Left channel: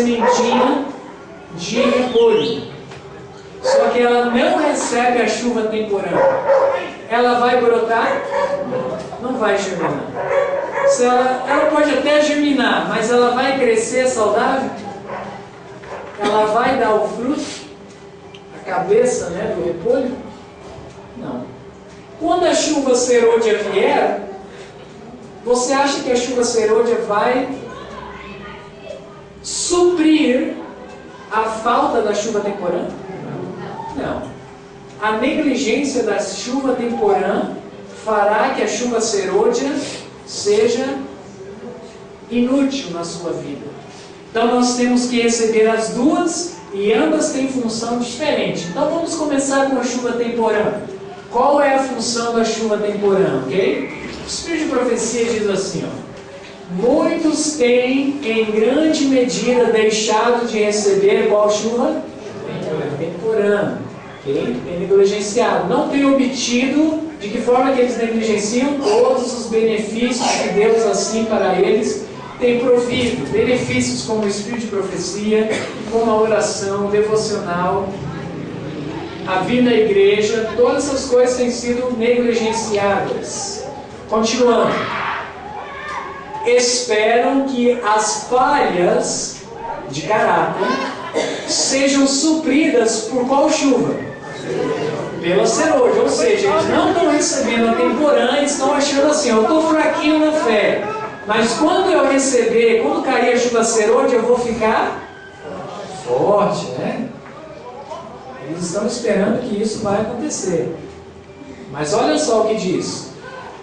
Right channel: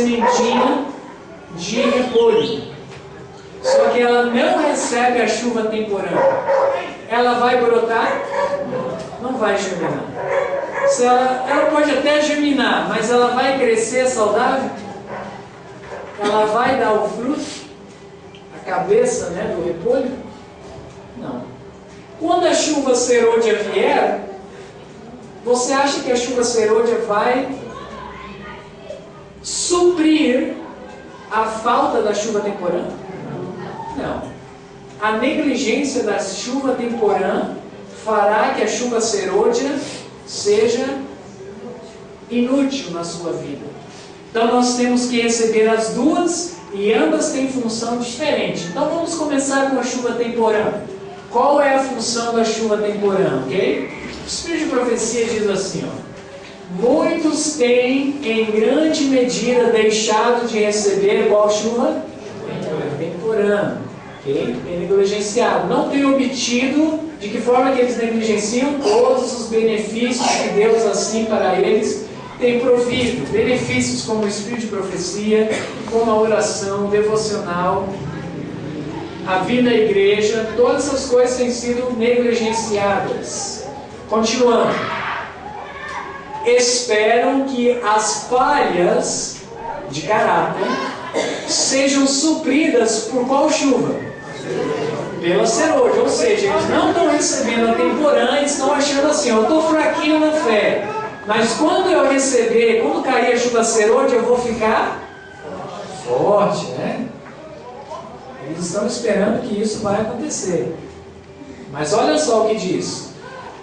sementinha de repolho. Só que ela não recebe a chuva temporânea. Ela vai brotar? Não vai germinar. Ela pode até germinar, mas ela vai crescer saudável? Ela vai dar o fruto? A cabeça, né, do repolho? Não. Quando a chuva serôdia vier, você acha que a chuva serôdia vai suprir a falta da chuva temporânea? Não. A negligência da chuva temporânea fará que a chuva serôdia seja inútil na sua vida. Então nós temos que receber as duas e ambas têm função diferente. Então vamos começar com a chuva temporânea. Qual é a função da chuva temporânea? Ok? O Espírito de Profecia diz assim, ó: muitos têm em grande medida deixado de receber qual chuva? Temporânea. Okay? Tem negligenciado. Não tem obtido. De que forma que eles negligenciam? Todos os benefícios que Deus assim para eles tem provido. Benefícios como o Espírito de Profecia, como a oração devocional, a vida à igreja, todas essas coisas têm sido negligenciadas. Continuando. Esperam que as falhas de caráter sejam supridas por qual chuva? Pela serôdia. Ou seja, eles não estão recebendo a temporânea e estão achando assim, eu estou fraquinho na fé, mas quando eu receber, quando cair a chuva serôdia, eu vou ficar forte, né? Eles estão esperando que isso vai acontecer. Mas olha só o que diz.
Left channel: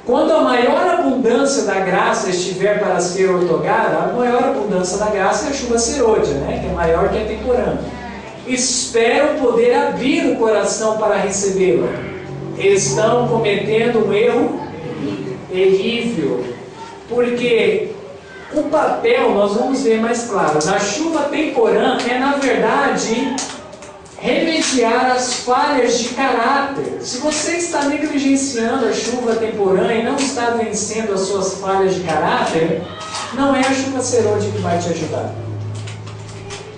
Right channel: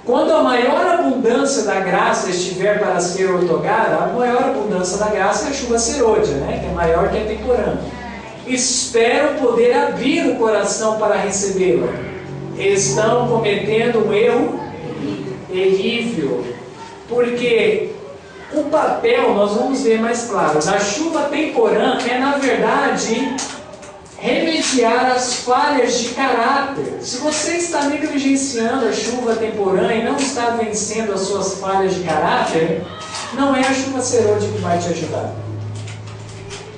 Quando a maior abundância da graça estiver para ser outorgada, a maior abundância da graça é a chuva serôdia, né? Que é maior que a temporânea. Espero poder abrir o coração para recebê-la. Estão cometendo um erro terrível. Porque o papel, nós vamos ver mais claro, da chuva temporânea é, na verdade, remediar as falhas de caráter. Se você está negligenciando a chuva temporânea e não está vencendo as suas falhas de caráter, não é a chuva serôdia que vai te ajudar.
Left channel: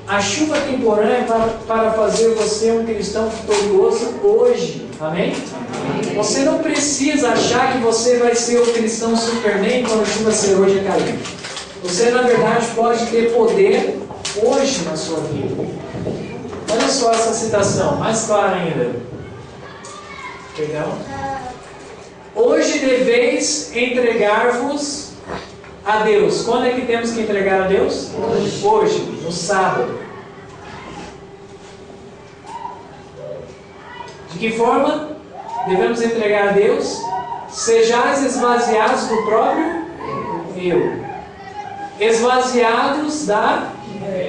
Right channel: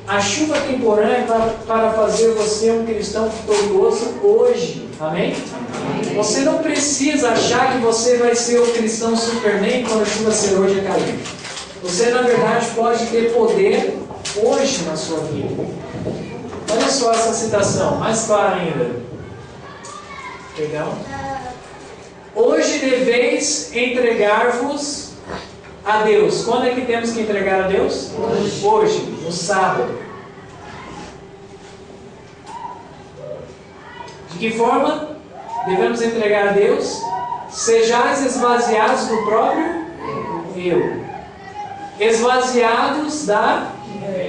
A chuva temporânea é para fazer você um cristão vitorioso hoje. Amém? Amém? Você não precisa achar que você vai ser o cristão Superman quando a chuva serôdia cair. Você, na verdade, pode ter poder hoje na sua vida. Olha só essa citação, mais clara ainda. Perdão. Hoje deveis entregar-vos a Deus. Quando é que temos que entregar a Deus? Hoje, no sábado. De que forma devemos entregar a Deus? Sejais esvaziados do próprio eu. Esvaziados da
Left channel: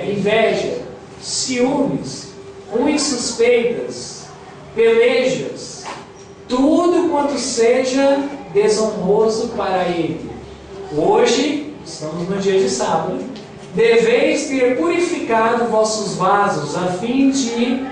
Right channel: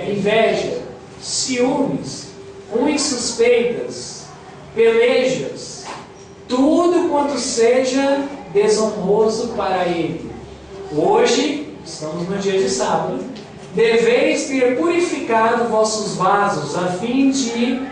inveja, ciúmes, ruins suspeitas, pelejas, tudo quanto seja desonroso para ele. Hoje, estamos no dia de sábado, deveis ter purificado vossos vasos, a fim de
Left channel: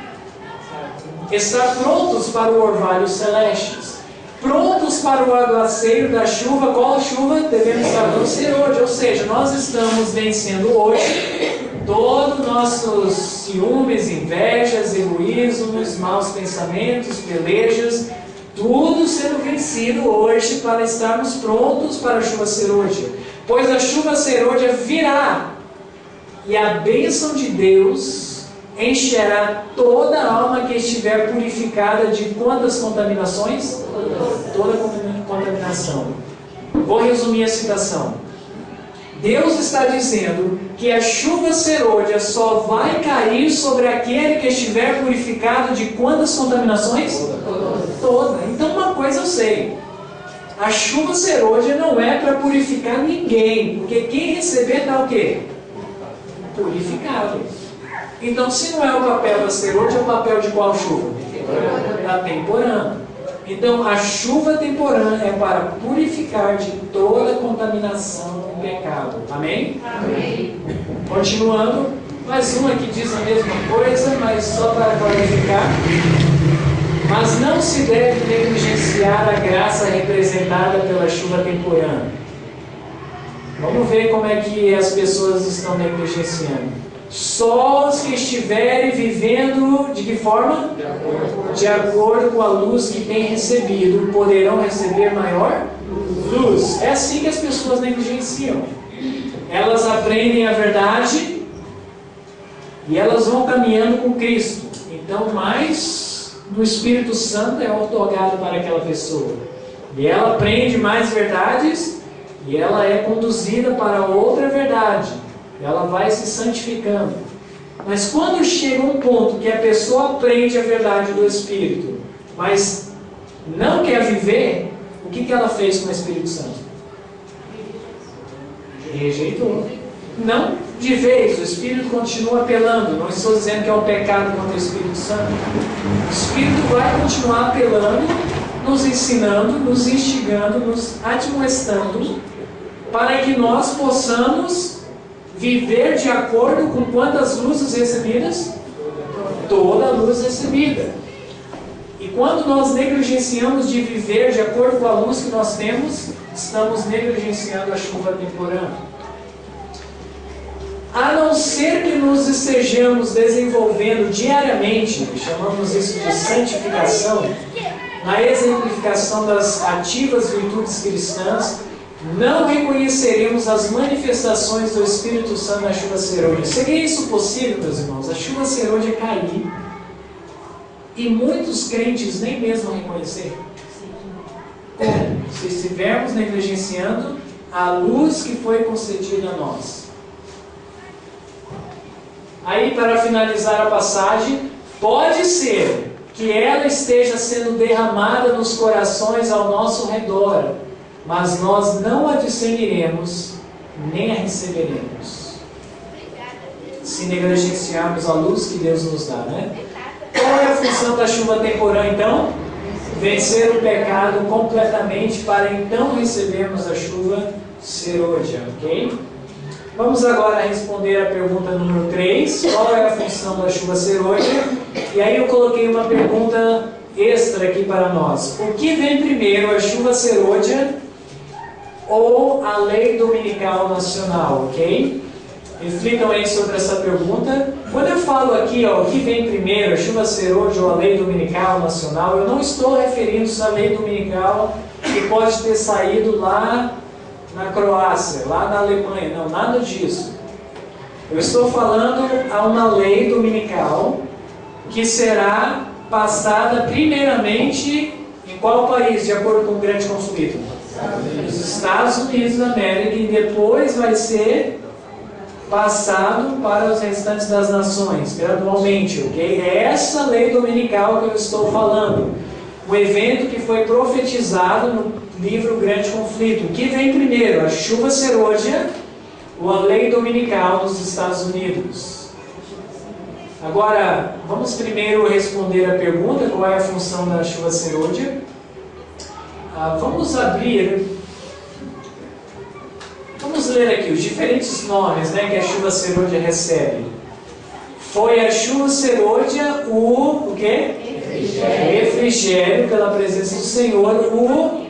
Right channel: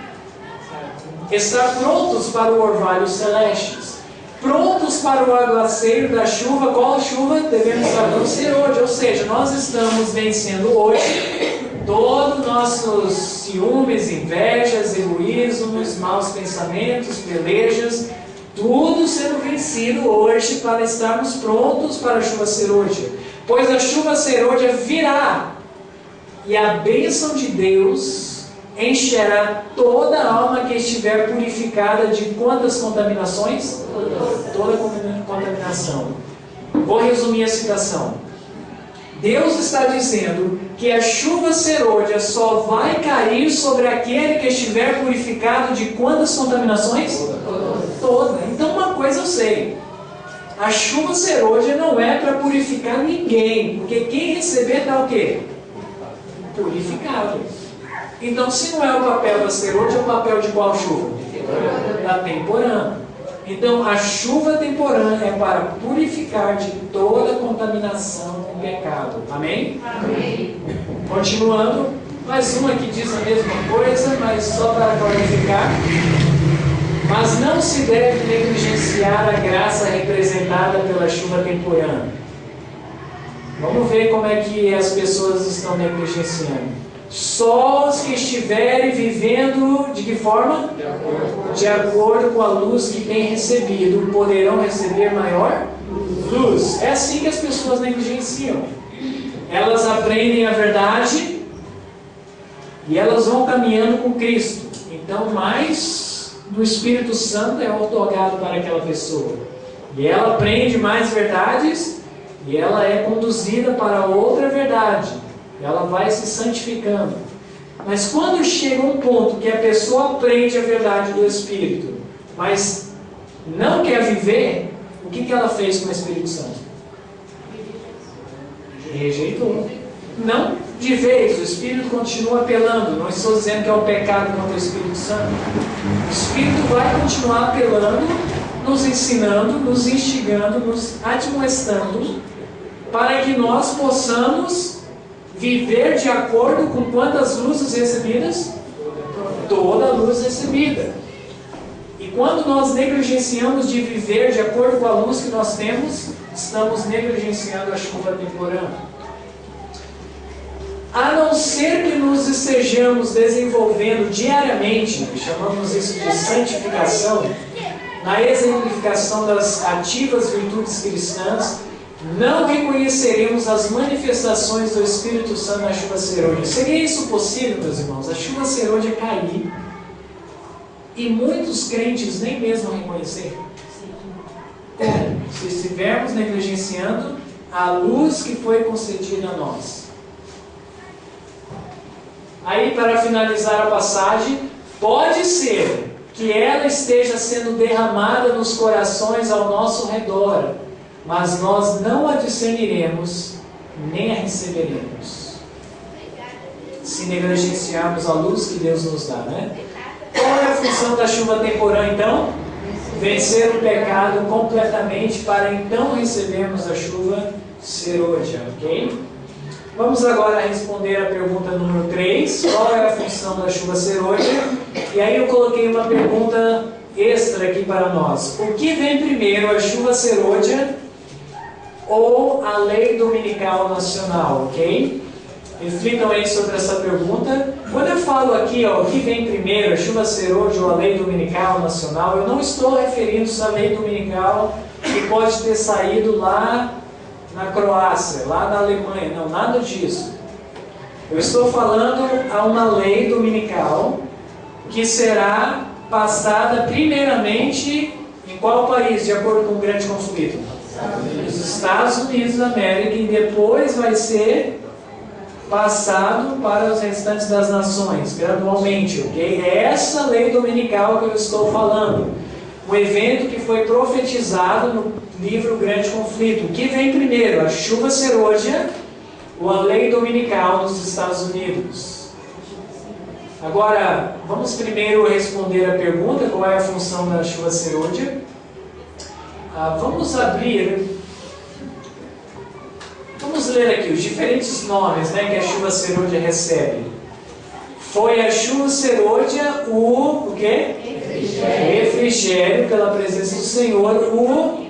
estar prontos para o orvalho celestes, prontos para o aguaceiro da chuva. Qual chuva? Devemos estar no serôdia, ou seja, nós estamos vencendo hoje todos os nossos ciúmes, invejas, egoísmos, maus pensamentos, pelejas, tudo sendo vencido hoje para estarmos prontos para a chuva serôdia. Pois a chuva serôdia virá e a bênção de Deus encherá toda a alma que estiver purificada de quantas contaminações? Toda contaminação. Vou resumir a citação. Deus está dizendo que a chuva serôdia só vai cair sobre aquele que estiver purificado de quantas contaminações? Toda. Então uma coisa eu sei. A chuva serôdia não é para purificar ninguém. Porque quem receber está o quê? Purificado. Então se não é o papel da serôdia, é o papel de qual chuva? Da temporânea. Então a chuva temporânea é para purificar de toda contaminação com pecado. Amém? Amém. Continuando, mais uma que diz a mesma coisa, mas só para clarificar. Mas não se deve negligenciar a graça representada pela chuva temporânea. Vamos ver como é que as pessoas estão negligenciando. Só os que estiverem vivendo de que forma? De acordo com a luz que têm recebido, poderão receber maior luz. É assim que as pessoas negligenciam. Elas aprendem a verdade e elas vão caminhando com Cristo. Então, mais do Espírito Santo é otorgado para aquela pessoa. E ela aprende mais verdades e ela é conduzida para outra verdade. Ela vai se santificando. Mas quando chega um ponto que a pessoa aprende a verdade do Espírito, mas não quer viver, o que ela fez com o Espírito Santo? Rejeitou. Não de vez, o Espírito continua apelando. Não estou dizendo que é um pecado contra o Espírito Santo. O Espírito vai continuar apelando, nos ensinando, nos instigando, nos admoestando, para que nós possamos viver de acordo com quantas luzes recebidas? Toda a luz recebida. E quando nós negligenciamos de viver de acordo com a luz que nós temos, estamos negligenciando a chuva temporã. A não ser que nos estejamos desenvolvendo diariamente, chamamos isso de santificação, na exemplificação das ativas virtudes cristãs, não reconheceremos as manifestações do Espírito Santo na chuva serôdia. Seria isso possível, meus irmãos? A chuva serôdia cair e muitos crentes nem mesmo reconhecer? Como? Se estivermos negligenciando a luz que foi concedida a nós. Aí, para finalizar a passagem, pode ser que ela esteja sendo derramada nos corações ao nosso redor, mas nós não a discerniremos, nem a receberemos, se negligenciarmos a luz que Deus nos dá, né? Qual é a função da chuva temporã, então? Vencer o pecado completamente, para então recebermos a chuva serôdia, ok? Vamos agora responder a pergunta número 3. Qual é a função da chuva serôdia? E aí eu coloquei uma pergunta extra aqui para nós. O que vem primeiro, a chuva serôdia ou a lei dominical nacional, ok? Reflitam aí sobre essa pergunta. Quando eu falo aqui, ó, o que vem primeiro, a chuva serôdia ou a lei dominical nacional, eu não estou referindo-se à lei dominical que pode ter saído lá na Croácia, lá na Alemanha, não, nada disso. Eu estou falando a uma lei dominical que será passada primeiramente em qual país, de acordo com o grande conflito? Nos Estados Unidos da América, e depois vai ser passado para os restantes das nações, gradualmente, ok? É essa lei dominical que eu estou falando. Um evento que foi profetizado no livro Grande Conflito. O que vem primeiro, a chuva serôdia ou a lei dominical dos Estados Unidos? Agora, vamos primeiro responder a pergunta, qual é a função da chuva serôdia? Vamos ler aqui os diferentes nomes, né, que a chuva serôdia recebe. Foi a chuva serôdia o quê? Refrigério pela presença do Senhor, o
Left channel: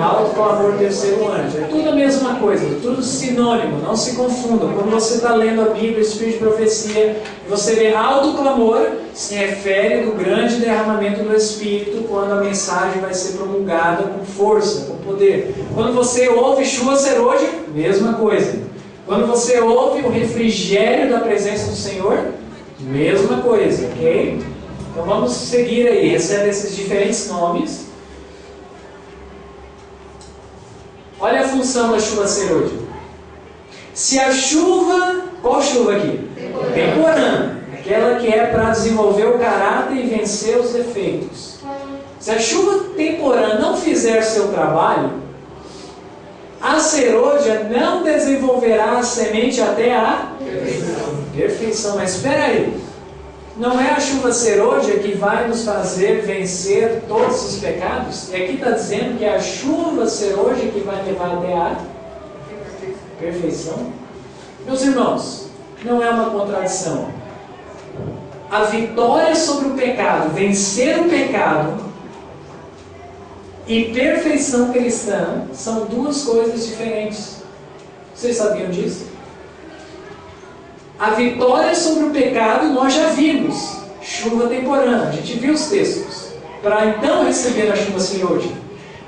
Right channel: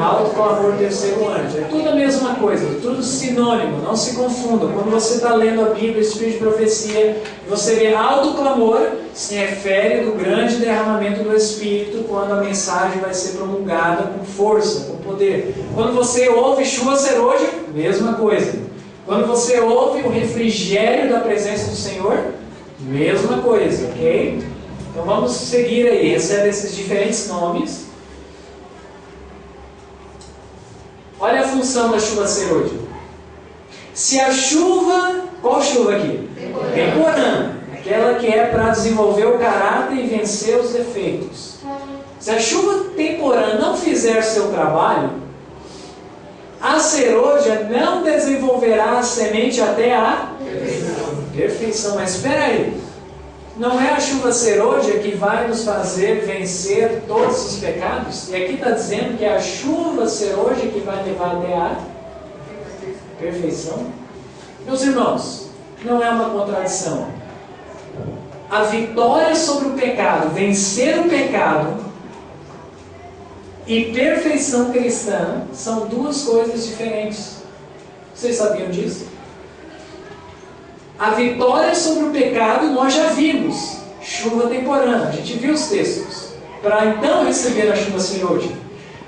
alto clamor do terceiro anjo. É tudo a mesma coisa, tudo sinônimo, não se confunda. Quando você está lendo a Bíblia, Espírito de Profecia, e você vê alto clamor, se refere do grande derramamento do Espírito, quando a mensagem vai ser promulgada com força, com poder. Quando você ouve chuva serôdia, mesma coisa. Quando você ouve o refrigério da presença do Senhor, mesma coisa, ok? Então vamos seguir aí, recebe esses diferentes nomes. Olha a função da chuva serôdia. Se a chuva, qual chuva aqui? Temporã. Aquela que é para desenvolver o caráter e vencer os defeitos. Se a chuva temporã não fizer seu trabalho, a serôdia não desenvolverá a semente até a perfeição. Mas espera aí. Não é a chuva serôdia que vai nos fazer vencer todos os pecados? E aqui está dizendo que é a chuva serôdia que vai levar até a perfeição? Meus irmãos, não é uma contradição. A vitória sobre o pecado, vencer o pecado e perfeição cristã são duas coisas diferentes. Vocês sabiam disso? A vitória sobre o pecado nós já vimos. Chuva temporânea, a gente viu os textos. Para então receber a chuva serôdia.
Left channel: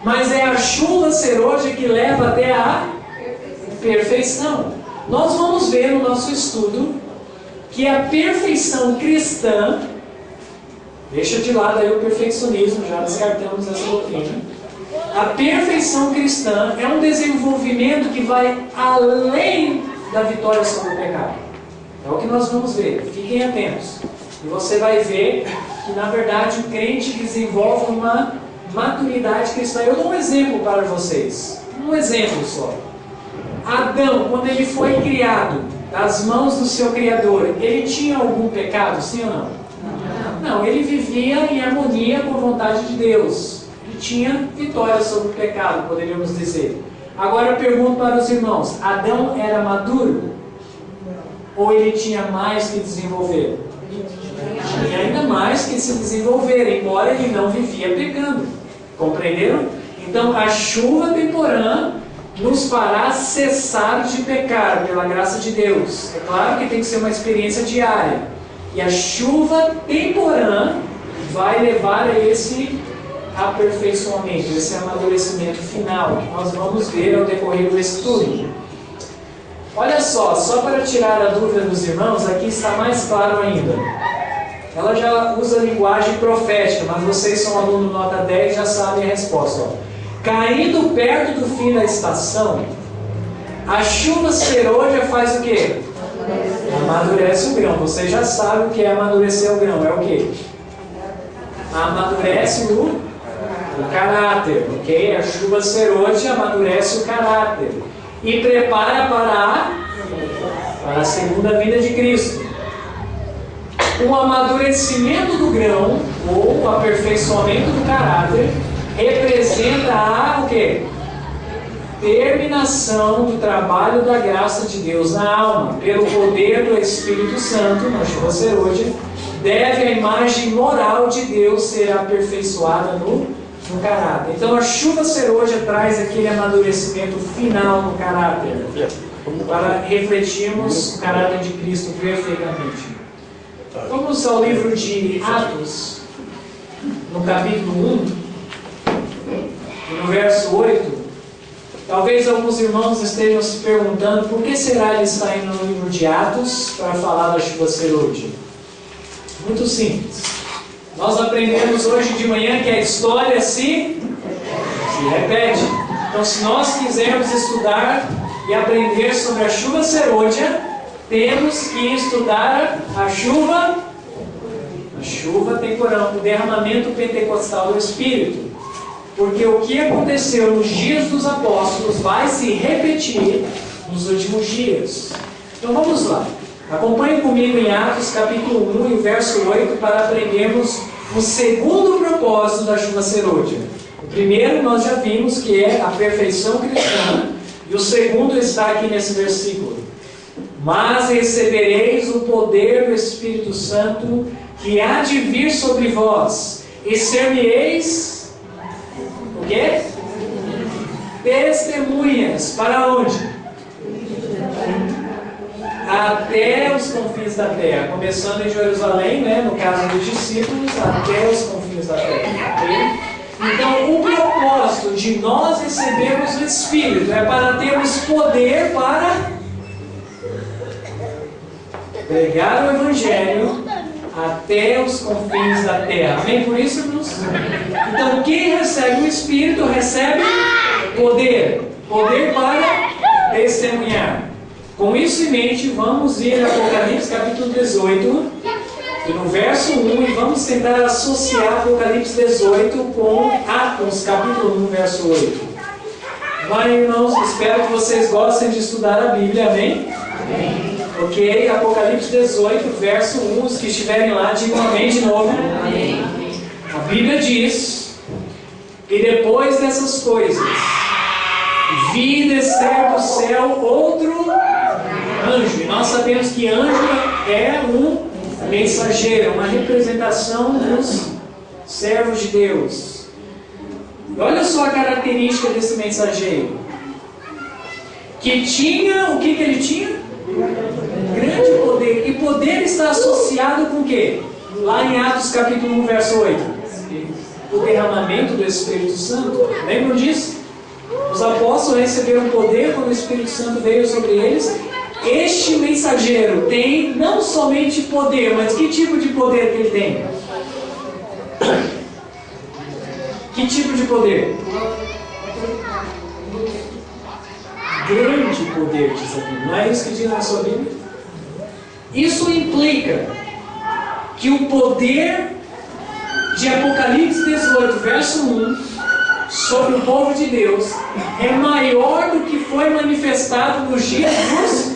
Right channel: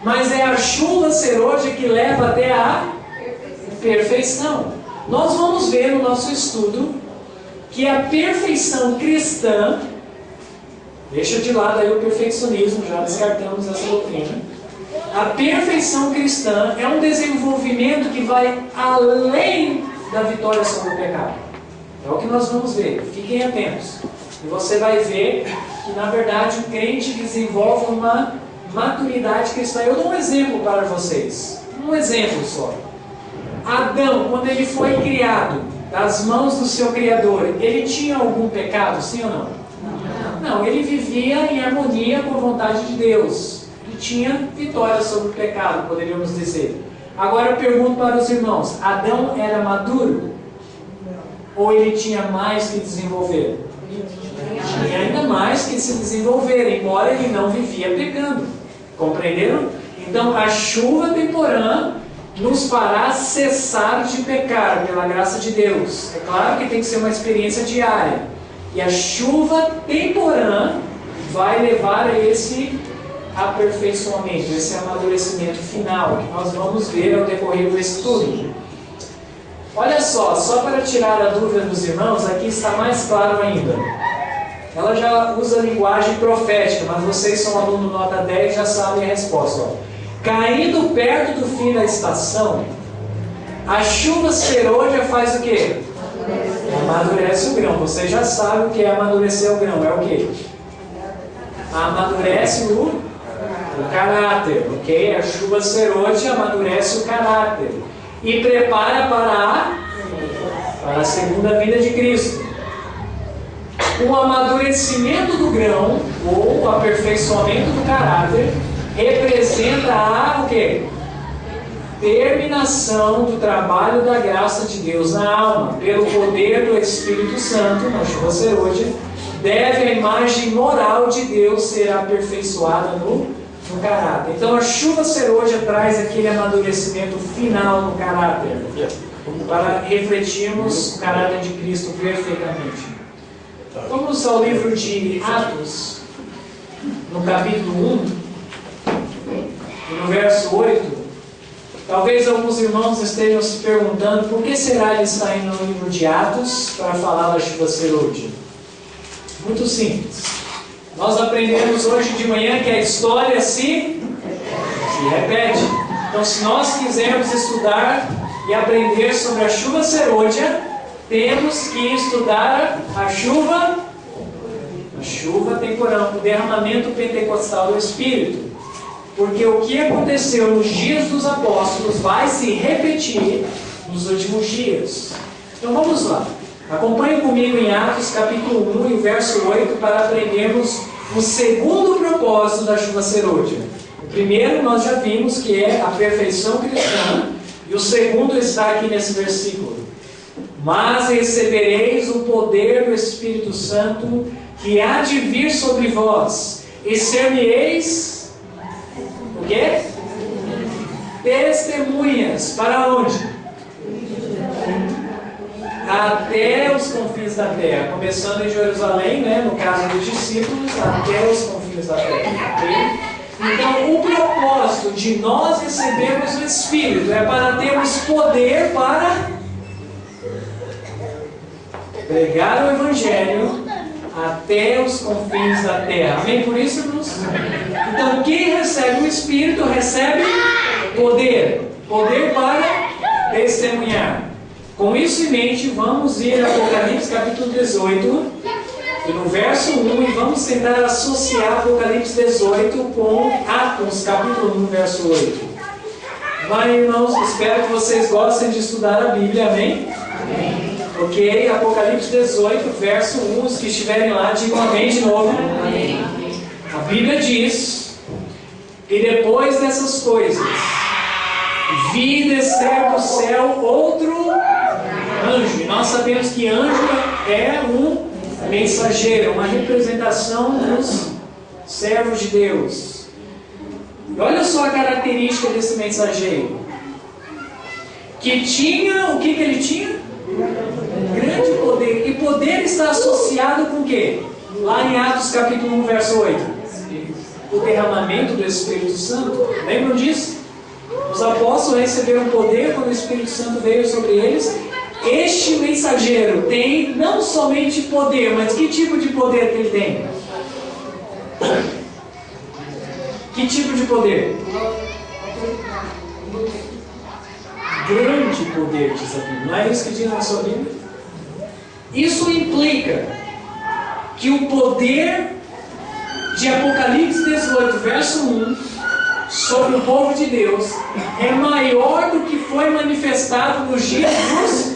Mas é a chuva serôdia que leva até a perfeição. Nós vamos ver no nosso estudo que a perfeição cristã, deixa de lado aí o perfeccionismo, já descartamos essa doutrina. A perfeição cristã é um desenvolvimento que vai além da vitória sobre o pecado. É o que nós vamos ver, fiquem atentos. E você vai ver que na verdade o crente desenvolve uma maturidade cristã. Eu dou um exemplo para vocês, um exemplo só. Adão, quando ele foi criado das mãos do seu Criador, ele tinha algum pecado, sim ou não? Não, ele vivia em harmonia com a vontade de Deus. Ele tinha vitória sobre o pecado, poderíamos dizer. Agora eu pergunto para os irmãos, Adão era maduro? Ou ele tinha mais que desenvolver? Tinha ainda mais que se desenvolver, embora ele não vivia pecando. Compreenderam? Então a chuva temporã nos fará cessar de pecar pela graça de Deus. É claro que tem que ser uma experiência diária. E a chuva temporã vai levar a esse aperfeiçoamento, esse amadurecimento final, que nós vamos ver ao decorrer do estudo. Olha só para tirar a dúvida dos irmãos, aqui está mais claro ainda. Ela já usa linguagem profética, mas vocês são aluno nota 10 já sabem a resposta. Caindo perto do fim da estação, a chuva serôdia faz o quê? Amadurece o grão. Você já sabe o que é amadurecer o grão. É o quê? Amadurece o caráter. Ok? A chuva serôdia amadurece o caráter. E prepara para a segunda vinda de Cristo. O amadurecimento do grão, ou o aperfeiçoamento do caráter, representa o quê? Terminação do trabalho da graça de Deus na alma, pelo poder do Espírito Santo, na chuva serôdia, deve a imagem moral de Deus ser aperfeiçoada no caráter. Então a chuva serôdia traz aquele amadurecimento final no caráter, para refletirmos o caráter de Cristo perfeitamente. Vamos ao livro de Atos, no capítulo 1, e no verso 8. Talvez alguns irmãos estejam se perguntando por que será ele está indo no livro de Atos para falar da chuva serôdia. Muito simples. Nós aprendemos hoje de manhã que a história se repete. Então, se nós quisermos estudar e aprender sobre a chuva serôdia, temos que estudar a chuva temporã, o derramamento pentecostal do Espírito. Porque o que aconteceu nos dias dos apóstolos vai se repetir nos últimos dias. Então vamos lá. Acompanhe comigo em Atos capítulo 1 e o verso 8 para aprendermos o segundo propósito da chuva serôdia. O primeiro nós já vimos que é a perfeição cristã, e o segundo está aqui nesse versículo. Mas recebereis o poder do Espírito Santo que há de vir sobre vós, e ser-me-eis o quê? Testemunhas. Para onde? Até os confins da terra. Começando em Jerusalém, né? No caso dos discípulos, até os confins da terra. Okay? Então, o propósito de nós recebermos o Espírito é para termos poder para pregar o Evangelho até os confins da terra. Amém? Por isso, irmãos? Então, quem recebe o Espírito recebe poder. Poder para testemunhar. Com isso em mente, vamos ir a Apocalipse capítulo 18, e no verso 1, e vamos tentar associar Apocalipse 18 com Atos capítulo 1, verso 8. Mas, irmãos, espero que vocês gostem de estudar a Bíblia, amém? Amém. Ok, Apocalipse 18, verso 1, os que estiverem lá, digam amém de novo. Amém. A Bíblia diz: e depois dessas coisas, vi descer do céu outro anjo. E nós sabemos que anjo é um mensageiro, uma representação dos servos de Deus. E olha só a característica desse mensageiro. Que tinha, o que ele tinha? grande poder. E poder está associado com o quê? Lá em Atos capítulo 1, verso 8. O derramamento do Espírito Santo. Lembram disso? Os apóstolos receberam poder quando o Espírito Santo veio sobre eles. Este mensageiro tem não somente poder, mas que tipo de poder que ele tem? Que tipo de poder? Grande poder, diz a Bíblia. Não é isso que diz na sua Bíblia? Isso implica que o poder de Apocalipse 18, verso 1, sobre o povo de Deus, é maior do que foi manifestado nos dias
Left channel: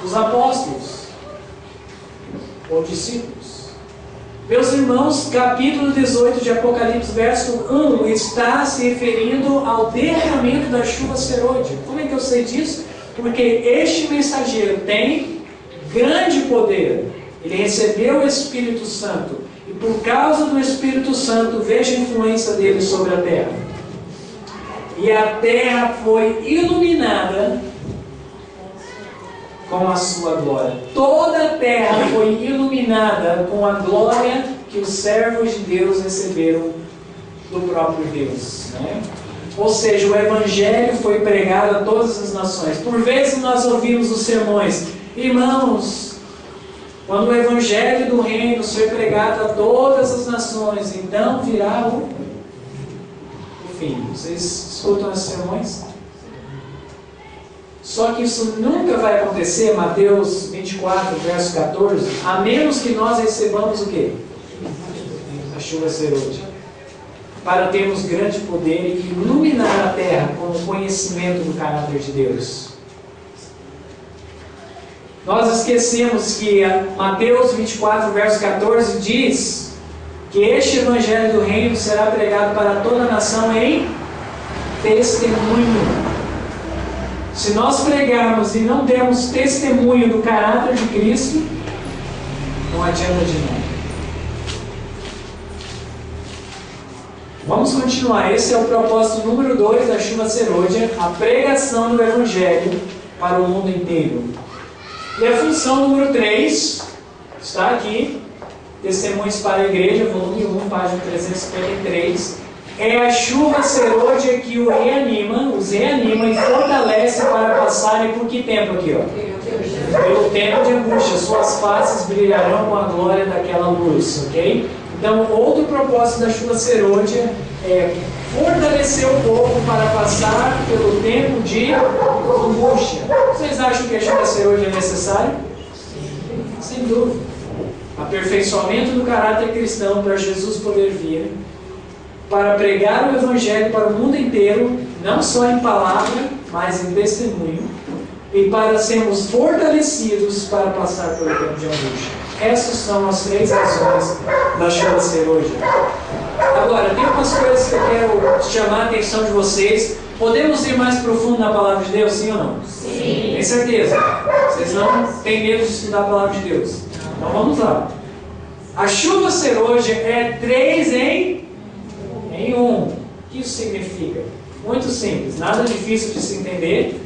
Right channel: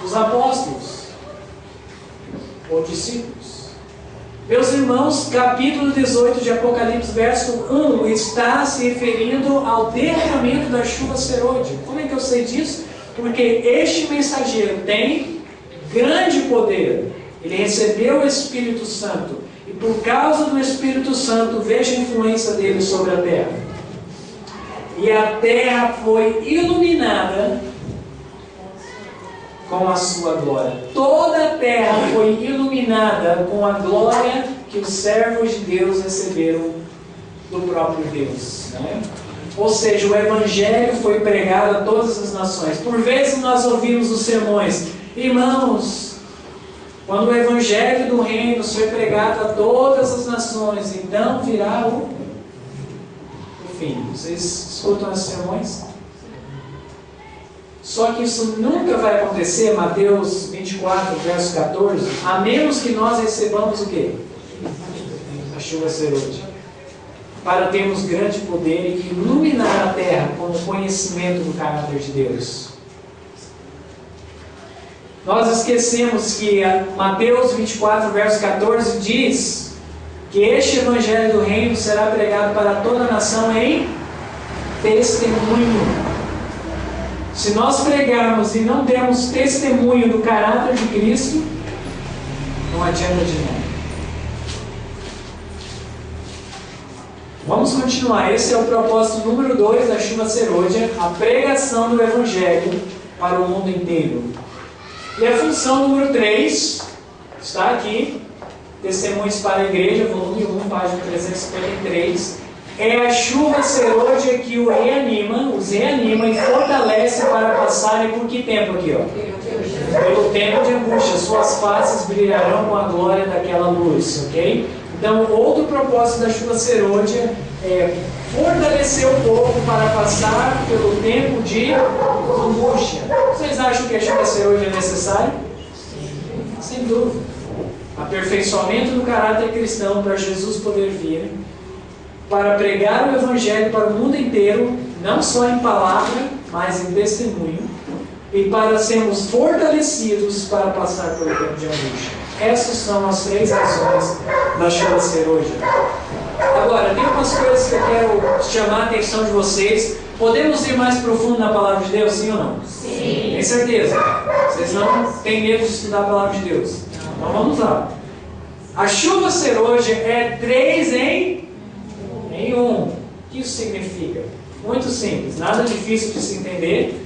dos apóstolos ou discípulos. Meus irmãos, capítulo 18 de Apocalipse, verso 1, está se referindo ao derramamento da chuva serôdia. Como é que eu sei disso? Porque este mensageiro tem grande poder. Ele recebeu o Espírito Santo. E por causa do Espírito Santo, veja a influência dele sobre a terra. E a terra foi iluminada com a sua glória. Toda a terra foi iluminada com a glória que os servos de Deus receberam do próprio Deus, né? Ou seja, o Evangelho foi pregado a todas as nações. Por vezes nós ouvimos os sermões: irmãos, quando o Evangelho do Reino foi pregado a todas as nações, então virá o fim. Vocês escutam os sermões? Só que isso nunca vai acontecer, Mateus 24, verso 14, a menos que nós recebamos o quê? A chuva serôdia. Para termos grande poder e iluminar a terra com o conhecimento do caráter de Deus. Nós esquecemos que Mateus 24, verso 14 diz que este Evangelho do Reino será pregado para toda a nação em testemunho. Se nós pregarmos e não dermos testemunho do caráter de Cristo, não adianta de nada. Vamos continuar. Esse é o propósito número 2 da chuva serôdia, a pregação do Evangelho para o mundo inteiro. E a função número 3 está aqui, Testemunhos para a Igreja, volume 1, página 353. É a chuva serôdia que os reanima e fortalece para passarem por que tempo aqui? Pelo tempo de angústia. Suas faces brilharão com a glória daquela luz, ok? Então, outro propósito da chuva serôdia é fortalecer o povo para passar pelo tempo de angústia. Vocês acham que a chuva serôdia é necessária? Sem dúvida. Aperfeiçoamento do caráter cristão para Jesus poder vir, para pregar o Evangelho para o mundo inteiro, não só em palavra, mas em testemunho, e para sermos fortalecidos para passar pelo tempo de angústia. Essas são as 3 razões da chuva serôdia. Agora, tem algumas coisas que eu quero chamar a atenção de vocês. Podemos ir mais profundo na palavra de Deus, sim ou não? Sim. Tem certeza? Vocês não têm medo de estudar a palavra de Deus? Então vamos lá. A chuva serôdia é 3 em 1. O que isso significa? Muito simples, nada difícil de se entender.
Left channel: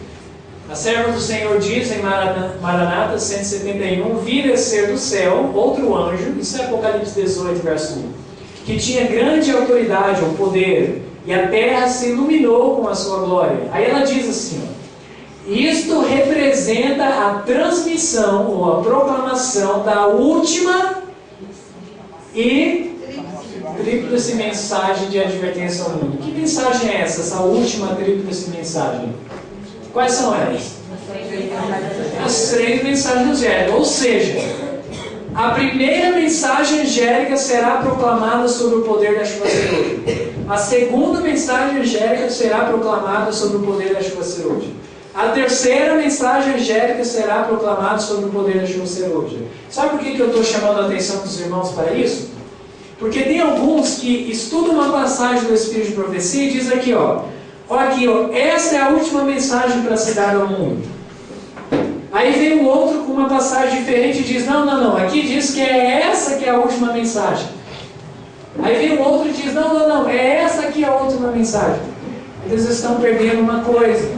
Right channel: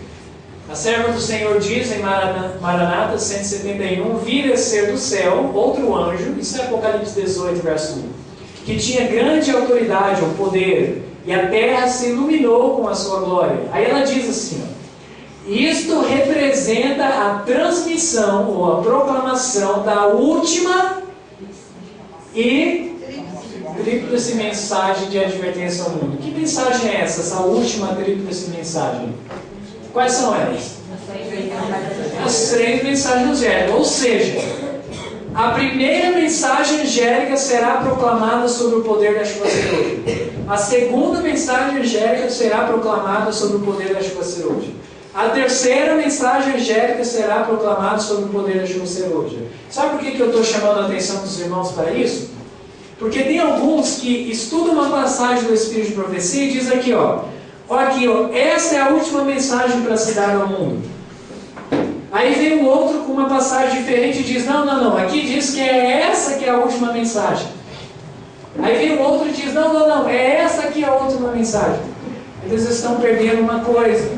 A serva do Senhor diz em Maranata 171, vi descer do céu outro anjo, isso é Apocalipse 18, verso 1, que tinha grande autoridade, ou poder, e a terra se iluminou com a sua glória. Aí ela diz assim, isto representa a transmissão ou a proclamação da última e tríplice mensagem de advertência ao mundo. Que mensagem é essa última tríplice mensagem? Quais são elas? As 3 mensagens angélicas. Ou seja, a primeira mensagem angélica será proclamada sobre o poder da chuva serôdia. A segunda mensagem angélica será proclamada sobre o poder da chuva serôdia. A terceira mensagem angélica será proclamada sobre o poder da chuva serôdia. Sabe por que eu estou chamando a atenção dos irmãos para isso? Porque tem alguns que estudam uma passagem do Espírito de Profecia e diz aqui, essa é a última mensagem para se dar ao mundo. Aí vem o outro com uma passagem diferente e diz, não, aqui diz que é essa que é a última mensagem. Aí vem o outro e diz, não, é essa aqui a última mensagem. Eles estão perdendo uma coisa.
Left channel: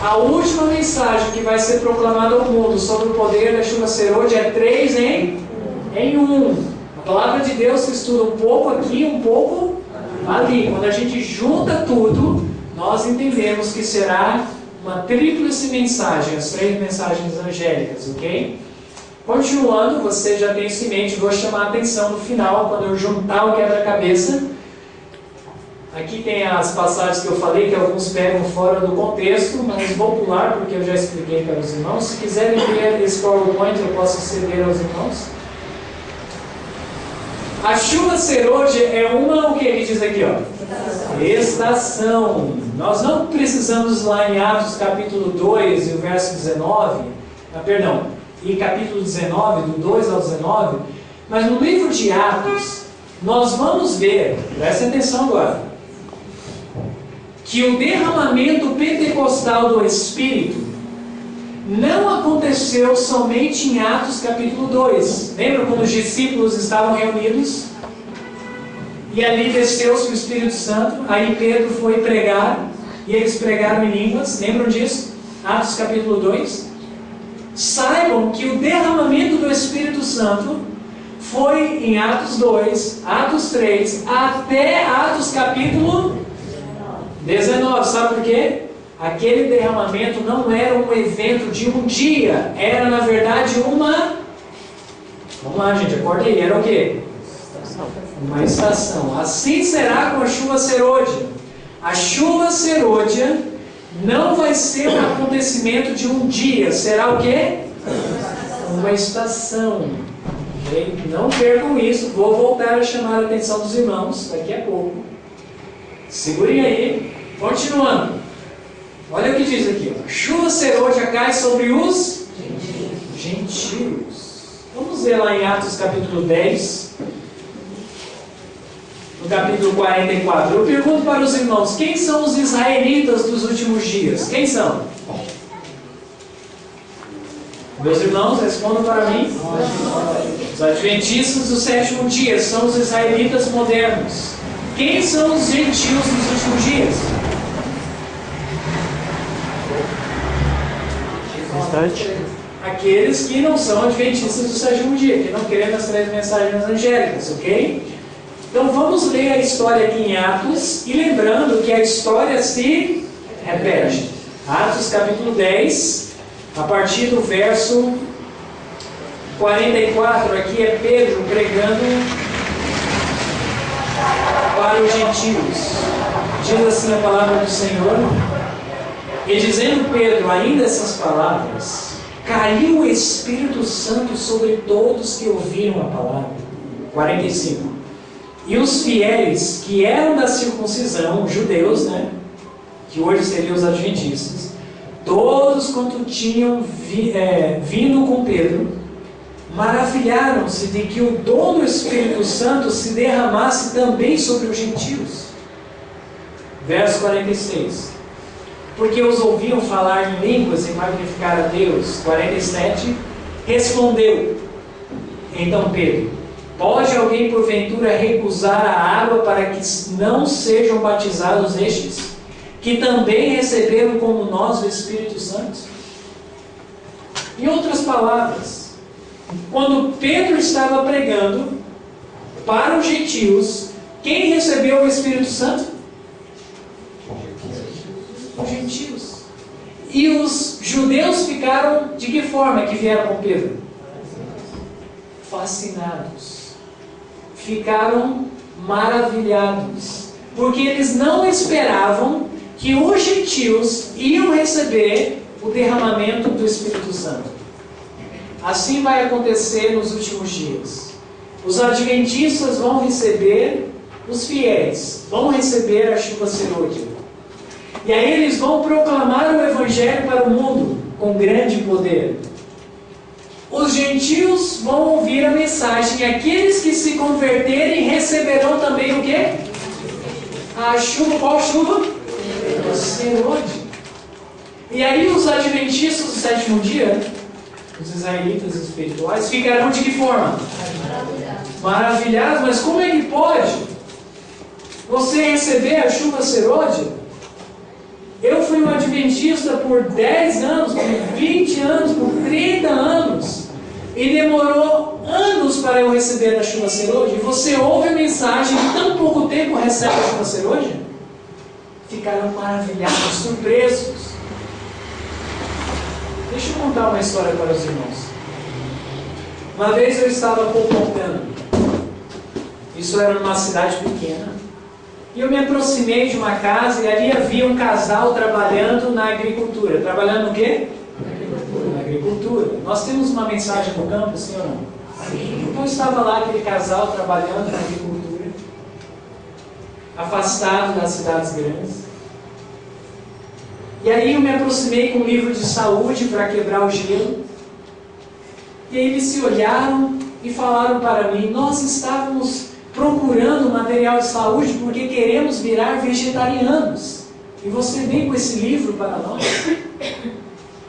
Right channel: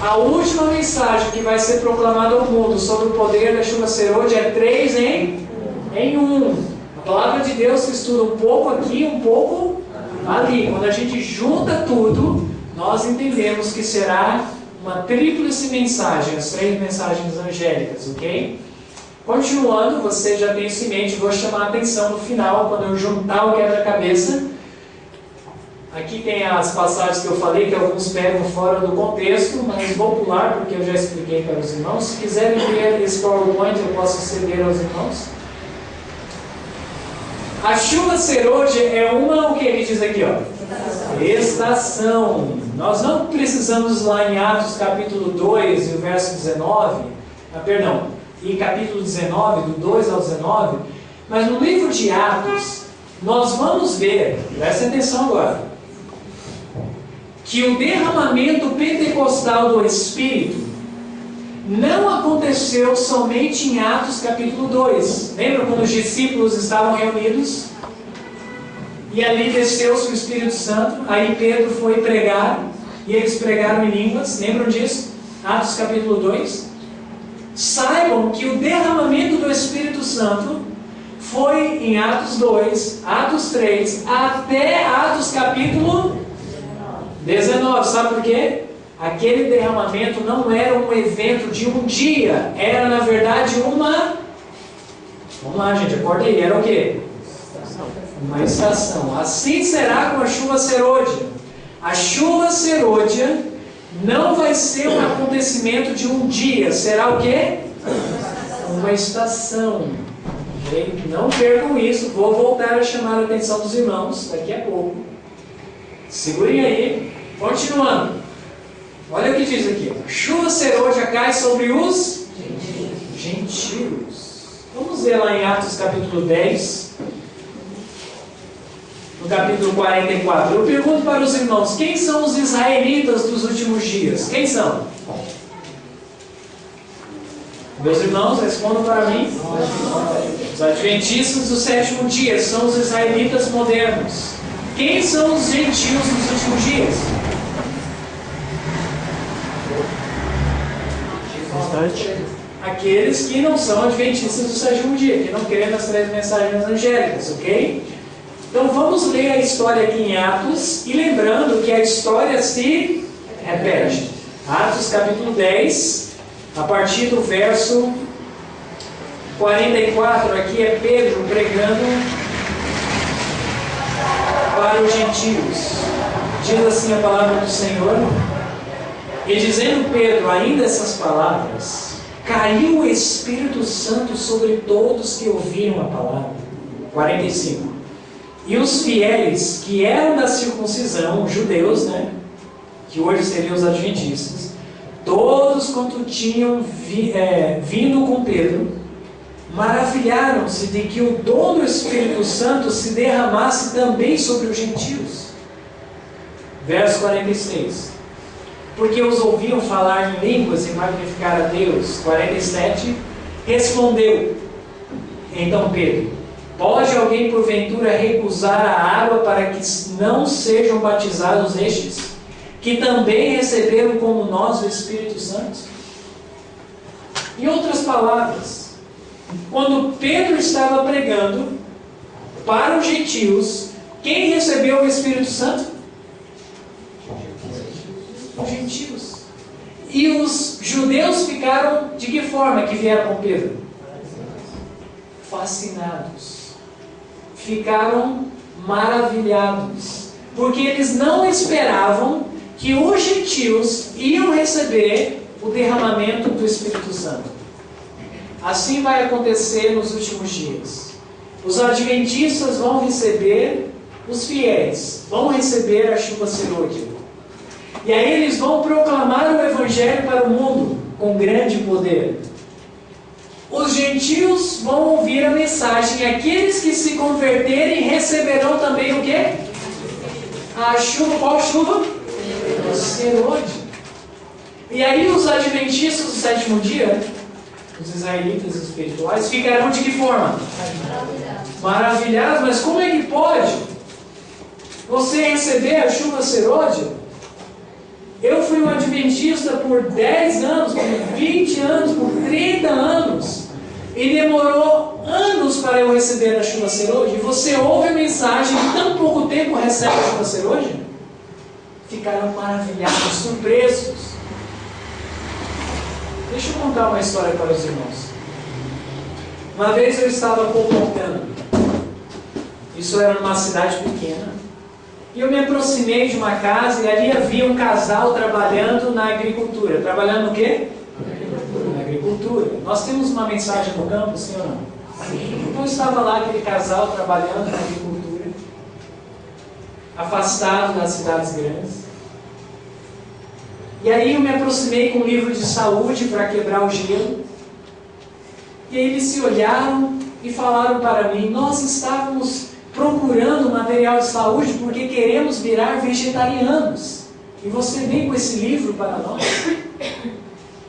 A última mensagem que vai ser proclamada ao mundo sobre o poder da chuva serôdia é 3 em 1. A palavra de Deus se estuda um pouco aqui, um pouco ali. Quando a gente junta tudo, nós entendemos que será uma tríplice mensagem, as 3 mensagens angélicas, ok? Continuando, você já tem isso em mente, vou chamar a atenção no final, quando eu juntar o quebra-cabeça. Aqui tem as passagens que eu falei, que alguns pegam fora do contexto, mas vou pular porque eu já expliquei para os irmãos. Se quiserem ver esse PowerPoint, eu posso ceder aos irmãos. A chuva serôdia é o que ele diz aqui, ó? Estação. Nós não precisamos lá em Atos capítulo 2 e o verso 19, e capítulo 19, do 2 ao 19, mas no livro de Atos, nós vamos ver, presta atenção agora, que o derramamento pentecostal do Espírito não aconteceu somente em Atos capítulo 2. Lembra quando os discípulos estavam reunidos? E ali desceu-se o Espírito Santo, aí Pedro foi pregar, e eles pregaram em línguas, lembram disso? Atos capítulo 2. Saibam que o derramamento do Espírito Santo foi em Atos 2, Atos 3, até Atos capítulo 19. Sabe por quê? Aquele derramamento não era um evento de um dia, era na verdade uma... Vamos lá, gente, acorda aí, era o quê? Uma estação. Assim será com a chuva serôdia. A chuva serôdia não vai ser um acontecimento de um dia, será o quê? Uma estação. Não percam isso, vou voltar a chamar a atenção dos irmãos daqui a pouco. Segurem aí, continuando. Olha o que diz aqui, ó. Chuva serôdia cai sobre os gentios. Vamos ver lá em Atos capítulo 10, no capítulo 44. Eu pergunto para os irmãos, quem são os israelitas dos últimos dias? Quem são? Meus irmãos, respondam para mim. Os adventistas do sétimo dia são os israelitas modernos. Quem são os gentios dos últimos dias? Aqueles que não são adventistas do sétimo dia, que não querem as 3 mensagens angélicas, ok? Então vamos ler a história aqui em Atos, e lembrando que a história se repete. Atos capítulo 10, a partir do verso 44, aqui é Pedro pregando para os gentios. Diz assim a palavra do Senhor: e dizendo Pedro ainda essas palavras, caiu o Espírito Santo sobre todos que ouviram a palavra. 45. E os fiéis que eram da circuncisão, judeus, né, que hoje seriam os adventistas, todos quanto tinham vindo com Pedro, maravilharam-se de que o dom do Espírito Santo se derramasse também sobre os gentios. Verso 46. Porque os ouviam falar em línguas e magnificar a Deus. 47. Respondeu então Pedro: pode alguém porventura recusar a água para que não sejam batizados estes, que também receberam como nós o Espírito Santo? Em outras palavras, quando Pedro estava pregando para os gentios, quem recebeu o Espírito Santo? Os gentios. E os judeus ficaram de que forma que vieram com Pedro? Fascinados. Ficaram maravilhados. Porque eles não esperavam que os gentios iam receber o derramamento do Espírito Santo. Assim vai acontecer nos últimos dias. Os adventistas vão receber, os fiéis vão receber a chuva serôdia. E aí eles vão proclamar o Evangelho para o mundo com grande poder. Os gentios vão ouvir a mensagem, e aqueles que se converterem receberão também o quê? A chuva, qual chuva? Serôdia. E aí os adventistas do sétimo dia, os israelitas espirituais, ficarão de que forma? Maravilhados. Mas como é que pode você receber a chuva serôdia? Eu fui um adventista por 10 anos, por 20 anos, por 30 anos. E demorou anos para eu receber a chuva ser hoje. E você ouve a mensagem e em tão pouco tempo recebe a chuva ser hoje? Ficarão maravilhados, surpresos. Deixa eu contar uma história para os irmãos. Uma vez eu estava colportando. Isso era numa cidade pequena. E eu me aproximei de uma casa e ali havia um casal trabalhando na agricultura. Trabalhando no quê? Na agricultura. Nós temos uma mensagem no campo, sim ou não? Sim. Então estava lá aquele casal trabalhando na agricultura, afastado das cidades grandes. E aí eu me aproximei com um livro de saúde para quebrar o gelo. E aí eles se olharam e falaram para mim: nós estávamos procurando material de saúde porque queremos virar vegetarianos. E você vem com esse livro para nós?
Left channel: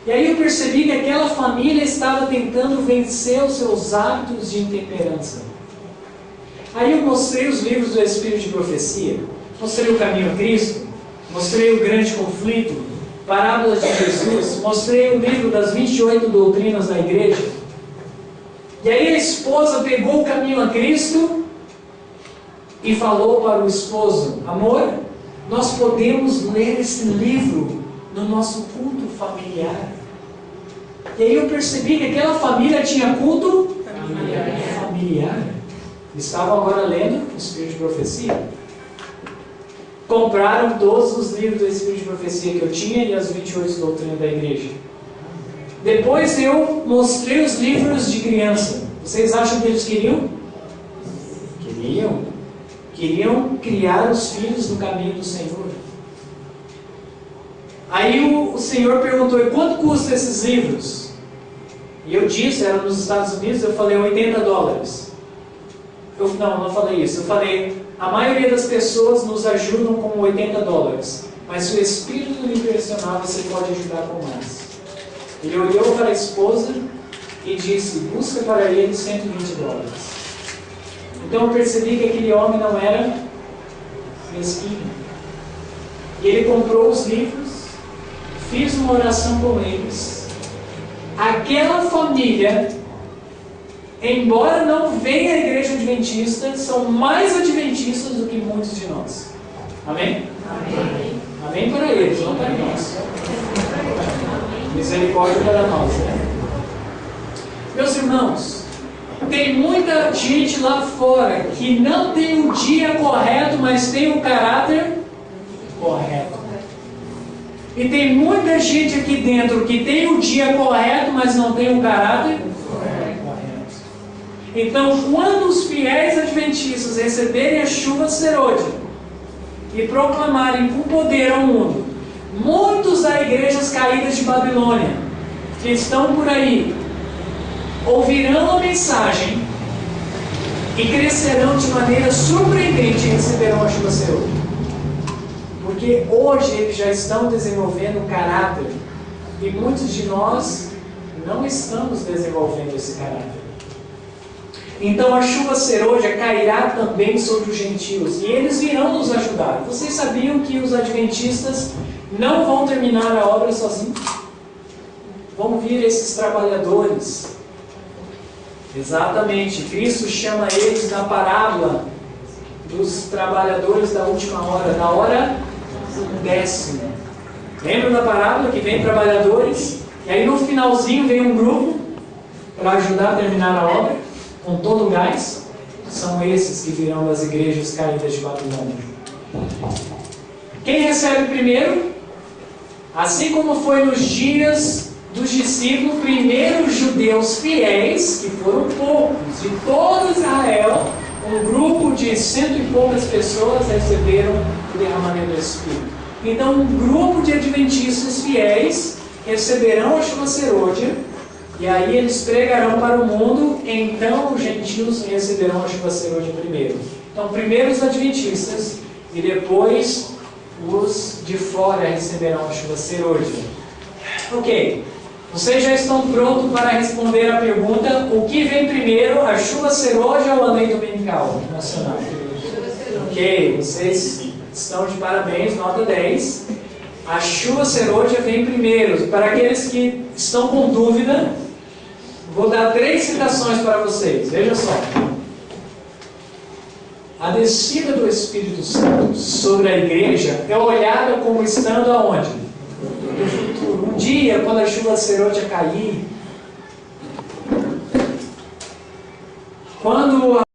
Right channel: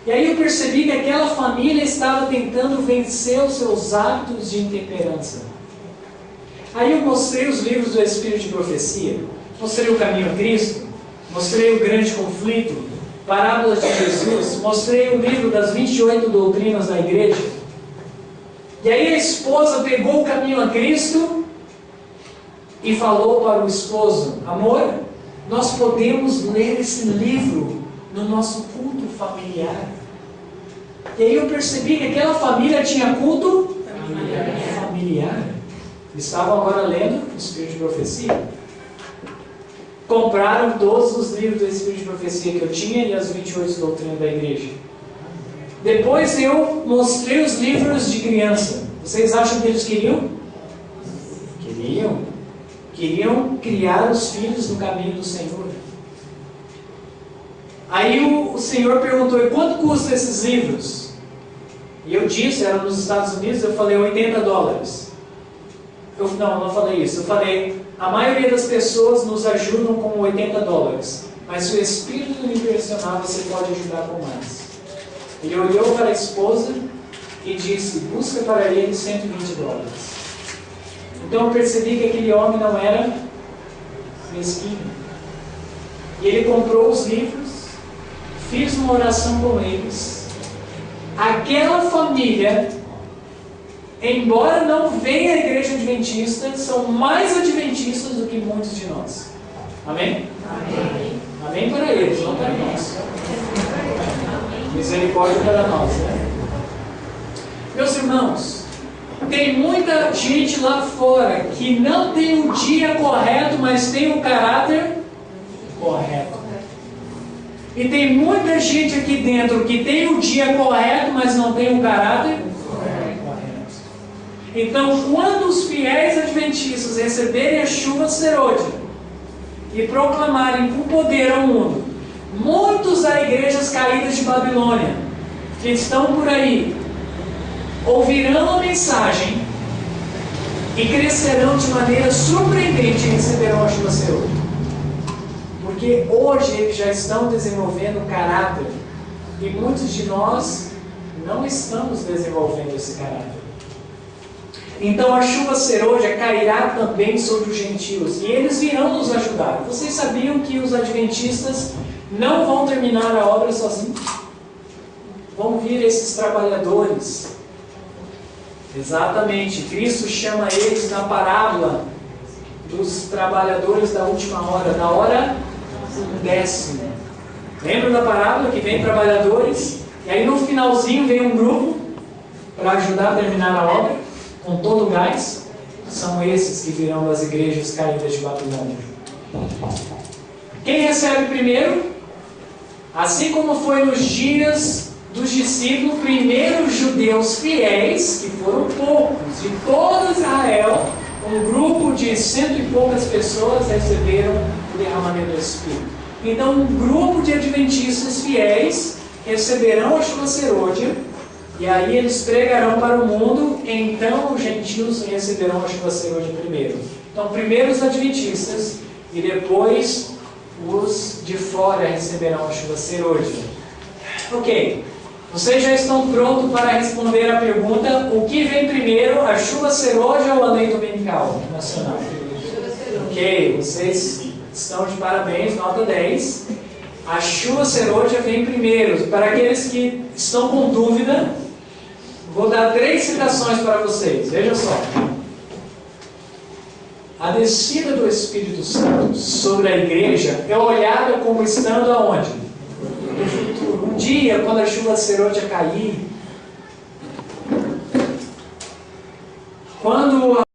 E aí eu percebi que aquela família estava tentando vencer os seus hábitos de intemperança. Aí eu mostrei os livros do Espírito de Profecia, mostrei o Caminho a Cristo, mostrei o Grande Conflito, Parábolas de Jesus, mostrei o livro das 28 doutrinas da igreja. E aí a esposa pegou o Caminho a Cristo e falou para o esposo: amor, nós podemos ler esse livro no nosso culto familiar. E aí eu percebi que aquela família tinha culto familiar. Estavam agora lendo o Espírito de Profecia. Compraram todos os livros do Espírito de Profecia que eu tinha e as 28 doutrinas da igreja. Depois eu mostrei os livros de criança. Vocês acham que eles queriam? Queriam criar os filhos no caminho do Senhor. Aí o Senhor perguntou: e quanto custam esses livros? E eu disse, era nos Estados Unidos, eu falei $80. Não falei isso. Eu falei: a maioria das pessoas nos ajudam com $80. Mas se o Espírito lhe impressionar, você pode ajudar com mais. Ele olhou para a esposa e disse: busca para ele $120. Então eu percebi que aquele homem não era mesquinho. E ele comprou os livros, fiz uma oração com eles. Aquela família, embora não venha à igreja adventista, são mais adventistas do que muitos de nós. Amém? Amém. Amém para eles, não para nós. Misericórdia para nós, né? Meus irmãos, tem muita gente lá fora que não tem o dia correto, mas tem o caráter correto. E tem muita gente aqui dentro que tem o dia correto, mas não tem o caráter correto. Então, quando os fiéis adventistas receberem a chuva serôdia e proclamarem com poder ao mundo, muitos das igrejas caídas de Babilônia que estão por aí ouvirão a mensagem e crescerão de maneira surpreendente e receberão a chuva serôdia. Porque hoje eles já estão desenvolvendo caráter e muitos de nós não estamos desenvolvendo esse caráter. Então a chuva serôdia cairá também sobre os gentios e eles virão nos ajudar. Vocês sabiam que os adventistas não vão terminar a obra sozinhos? Vão vir esses trabalhadores. Exatamente, Cristo chama eles na parábola dos trabalhadores da última hora, da hora décima. Lembra da parábola que vem trabalhadores e aí no finalzinho vem um grupo para ajudar a terminar a obra com todo o gás? São esses que virão das igrejas caídas de Babilônia. Quem recebe primeiro? Assim como foi nos dias dos discípulos, primeiro os judeus fiéis, que foram poucos, de todo Israel, um grupo de 100 e poucas pessoas receberam o derramamento do Espírito. Então um grupo de adventistas fiéis receberão a chuva serôdia, e aí eles pregarão para o mundo, então os gentios receberão a chuva serôdia primeiro. Então primeiro os adventistas, e depois os de fora receberão a chuva serôdia. Ok. Vocês já estão prontos para responder a pergunta: o que vem primeiro, a chuva serôdia ou a lei dominical nacional? Ok, vocês estão de parabéns, nota 10. A chuva serôdia vem primeiro. Para aqueles que estão com dúvida, vou dar 3 citações para vocês. Veja só. A descida do Espírito Santo sobre a igreja é olhada como estando aonde? No futuro. Um dia, quando a chuva serôdia cair, quando